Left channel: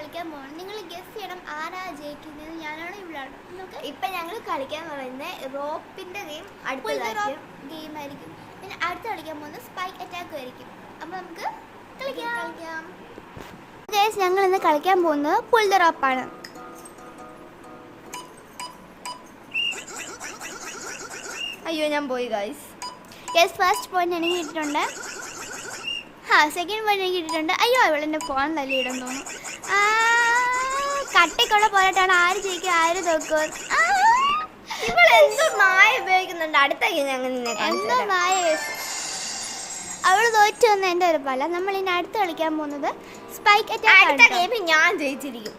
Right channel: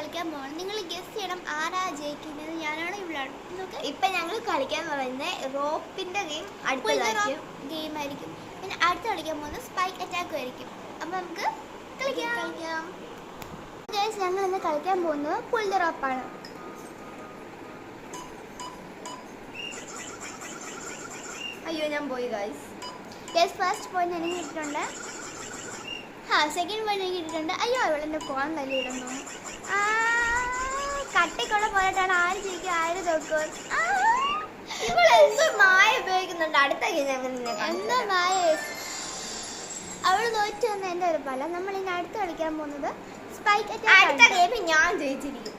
കളിക്കാൻ പോകണം. നിങ്ങൾ ഗസ് ചെയ്യണം ആരാ ജയിക്കുന്നത്, ഞാനാണോ ഇവളാണോ. ഇപ്പൊ ഞങ്ങൾ കളിക്കാൻ പറയുന്നത് റോപ്പിന്റെ ഗെയിം ഗെയിം ആയിരിക്കും. പിന്നെ അടുത്ത് കളിക്കാൻ പോകുന്നത് സ്പൈക്ക് അറ്റാക്കും ആയിരിക്കും. അപ്പൊ നമുക്ക് കളിക്കാം. ഞങ്ങൾ ഇന്ന് കളിക്കാൻ പോകുന്നത് പുൾ ദ റോപ്പാണ്. അയ്യോ ഞാൻ പോയി ഗൈസ്. ഫസ്റ്റ് പോയിന്റ് എനിക്ക് കിട്ടിയിട്ടുണ്ട്. സെക്കൻഡ് പോയിന്റ് എനിക്ക് കിട്ടിയിട്ടുണ്ട്. അയ്യോ ഇവളെൻ്റെ ഫോൺ തല്ലിയിടാൻ തോന്നുന്നു. കട്ടയ്ക്കുള്ള പോരാട്ടാണ്. ആര് ജയിക്കും ആര് തോക്കും. ഇവളെന്തോ മായ ഉപയോഗിക്കുന്നുണ്ട്. അടുത്ത എന്തോ മായ. അവള് തോറ്റു വന്ന എൻ്റെ ഒരു പല. നമ്മൾ ഇനി അടുത്ത് കളിക്കാൻ പോകുന്നത് സ്പൈക്ക് അറ്റാക്ക്. ഞാൻ ജയിച്ചിരിക്കും.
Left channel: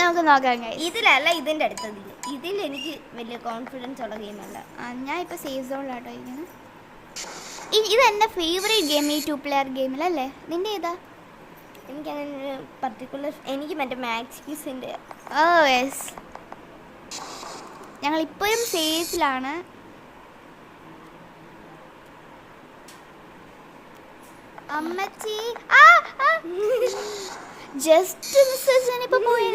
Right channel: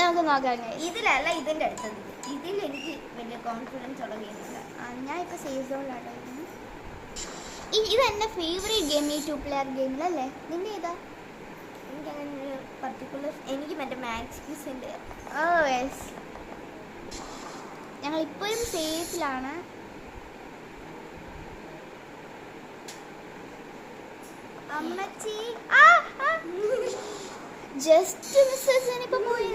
നമുക്ക് നോക്കാം. ഇതിലല്ല ഇതിന്റെ അടുത്തത്. ഇതിൽ എനിക്ക് വലിയ കോൺഫിഡൻസ് ഉള്ള ഗെയിമല്ല. ഞാൻ ഇപ്പൊ സേഫ് സോണിലാട്ടോ ഇരിക്കുന്നത്. ഇത് എൻ്റെ ഫേവറേറ്റ് ഗെയിം ഈ 2 പ്ലെയർ ഗെയിമിലല്ലേ. നിന്റെ ഏതാ? എനിക്കങ്ങനെ പർട്ടിക്കുലർ. എനിക്ക് മറ്റേ മാക്സിന്റെ. യെസ്. ഞങ്ങൾ ഇപ്പോഴും സേഫിലാണ്. അമ്മച്ചി ജസ്റ്റ് മിസ്സേജ് പോയി.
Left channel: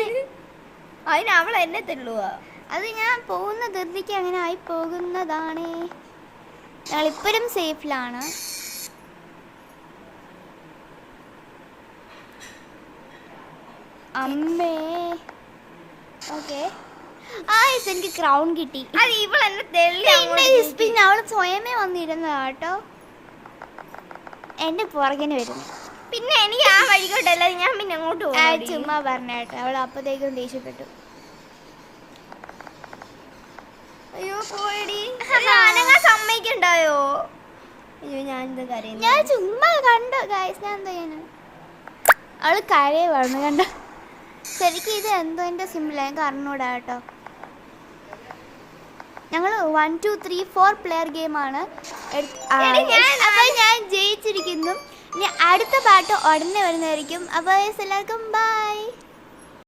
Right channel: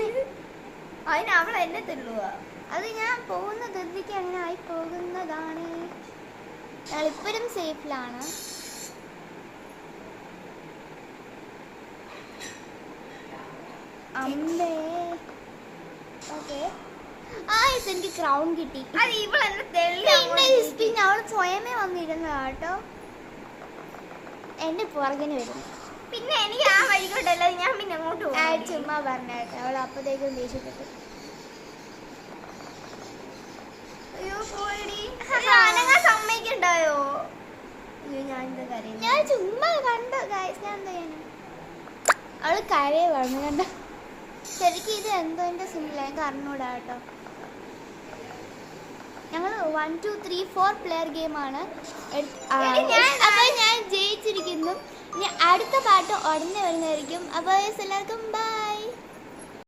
അതിന് അവൾ എന്നെ തള്ളുക. അത് ഞാൻ പോകുന്ന ധൃതിക്ക് അങ്ങനെ ആയി പോകുന്നതാണ്. ഞങ്ങൾ ഇപ്പോഴും സേഫിലാണ്. അമ്മേ. ഓക്കെ. എനിക്ക് ക്രൗൺ കിട്ടി. പിന്നെ അവൾ സ്വയമേ വന്നിരുന്നതാ കേട്ടോ. എന്റെ പുറകിന് വരുന്നു. പിന്നെ എനിക്ക് ആ വഴിക്കോട്ടല്ല, ഞാൻ പിന്നെ അങ്ങോട്ട് പോകും. ചുമ്മാ പറഞ്ഞേട്ടെ. അവൾ അപ്പത്തേക്കും ദേഷ്യപ്പെട്ടു. അയ്യോ പോയടി. സമ്മതിക്കണ്ടായോ? അയ്യോ ഞാൻ എന്താ കരയുന്നു? ഞാൻ ചുമ്മാ കണ്ടു ഗൈസ്. ഞാൻ എന്താ ചെയ്യാനാ? അവള് കരയെ പറഞ്ഞു കണ്ട. ശരിക്കും ഇത് എന്തോ എൻ്റെ സിമ്പിൾ എനിക്ക് അറിഞ്ഞൂടാ കേട്ടോ. ഞങ്ങൾ 1 2 3 4 പ്ലെയർ ഗെയിമാണ്. ഞാൻ ജയിച്ചിരിക്കുന്നു. ഇനി അടുത്ത പാട്ട് ഉടനെ വരുന്നതായിരിക്കും. അപ്പോൾ എല്ലാവർക്കും ബൈ.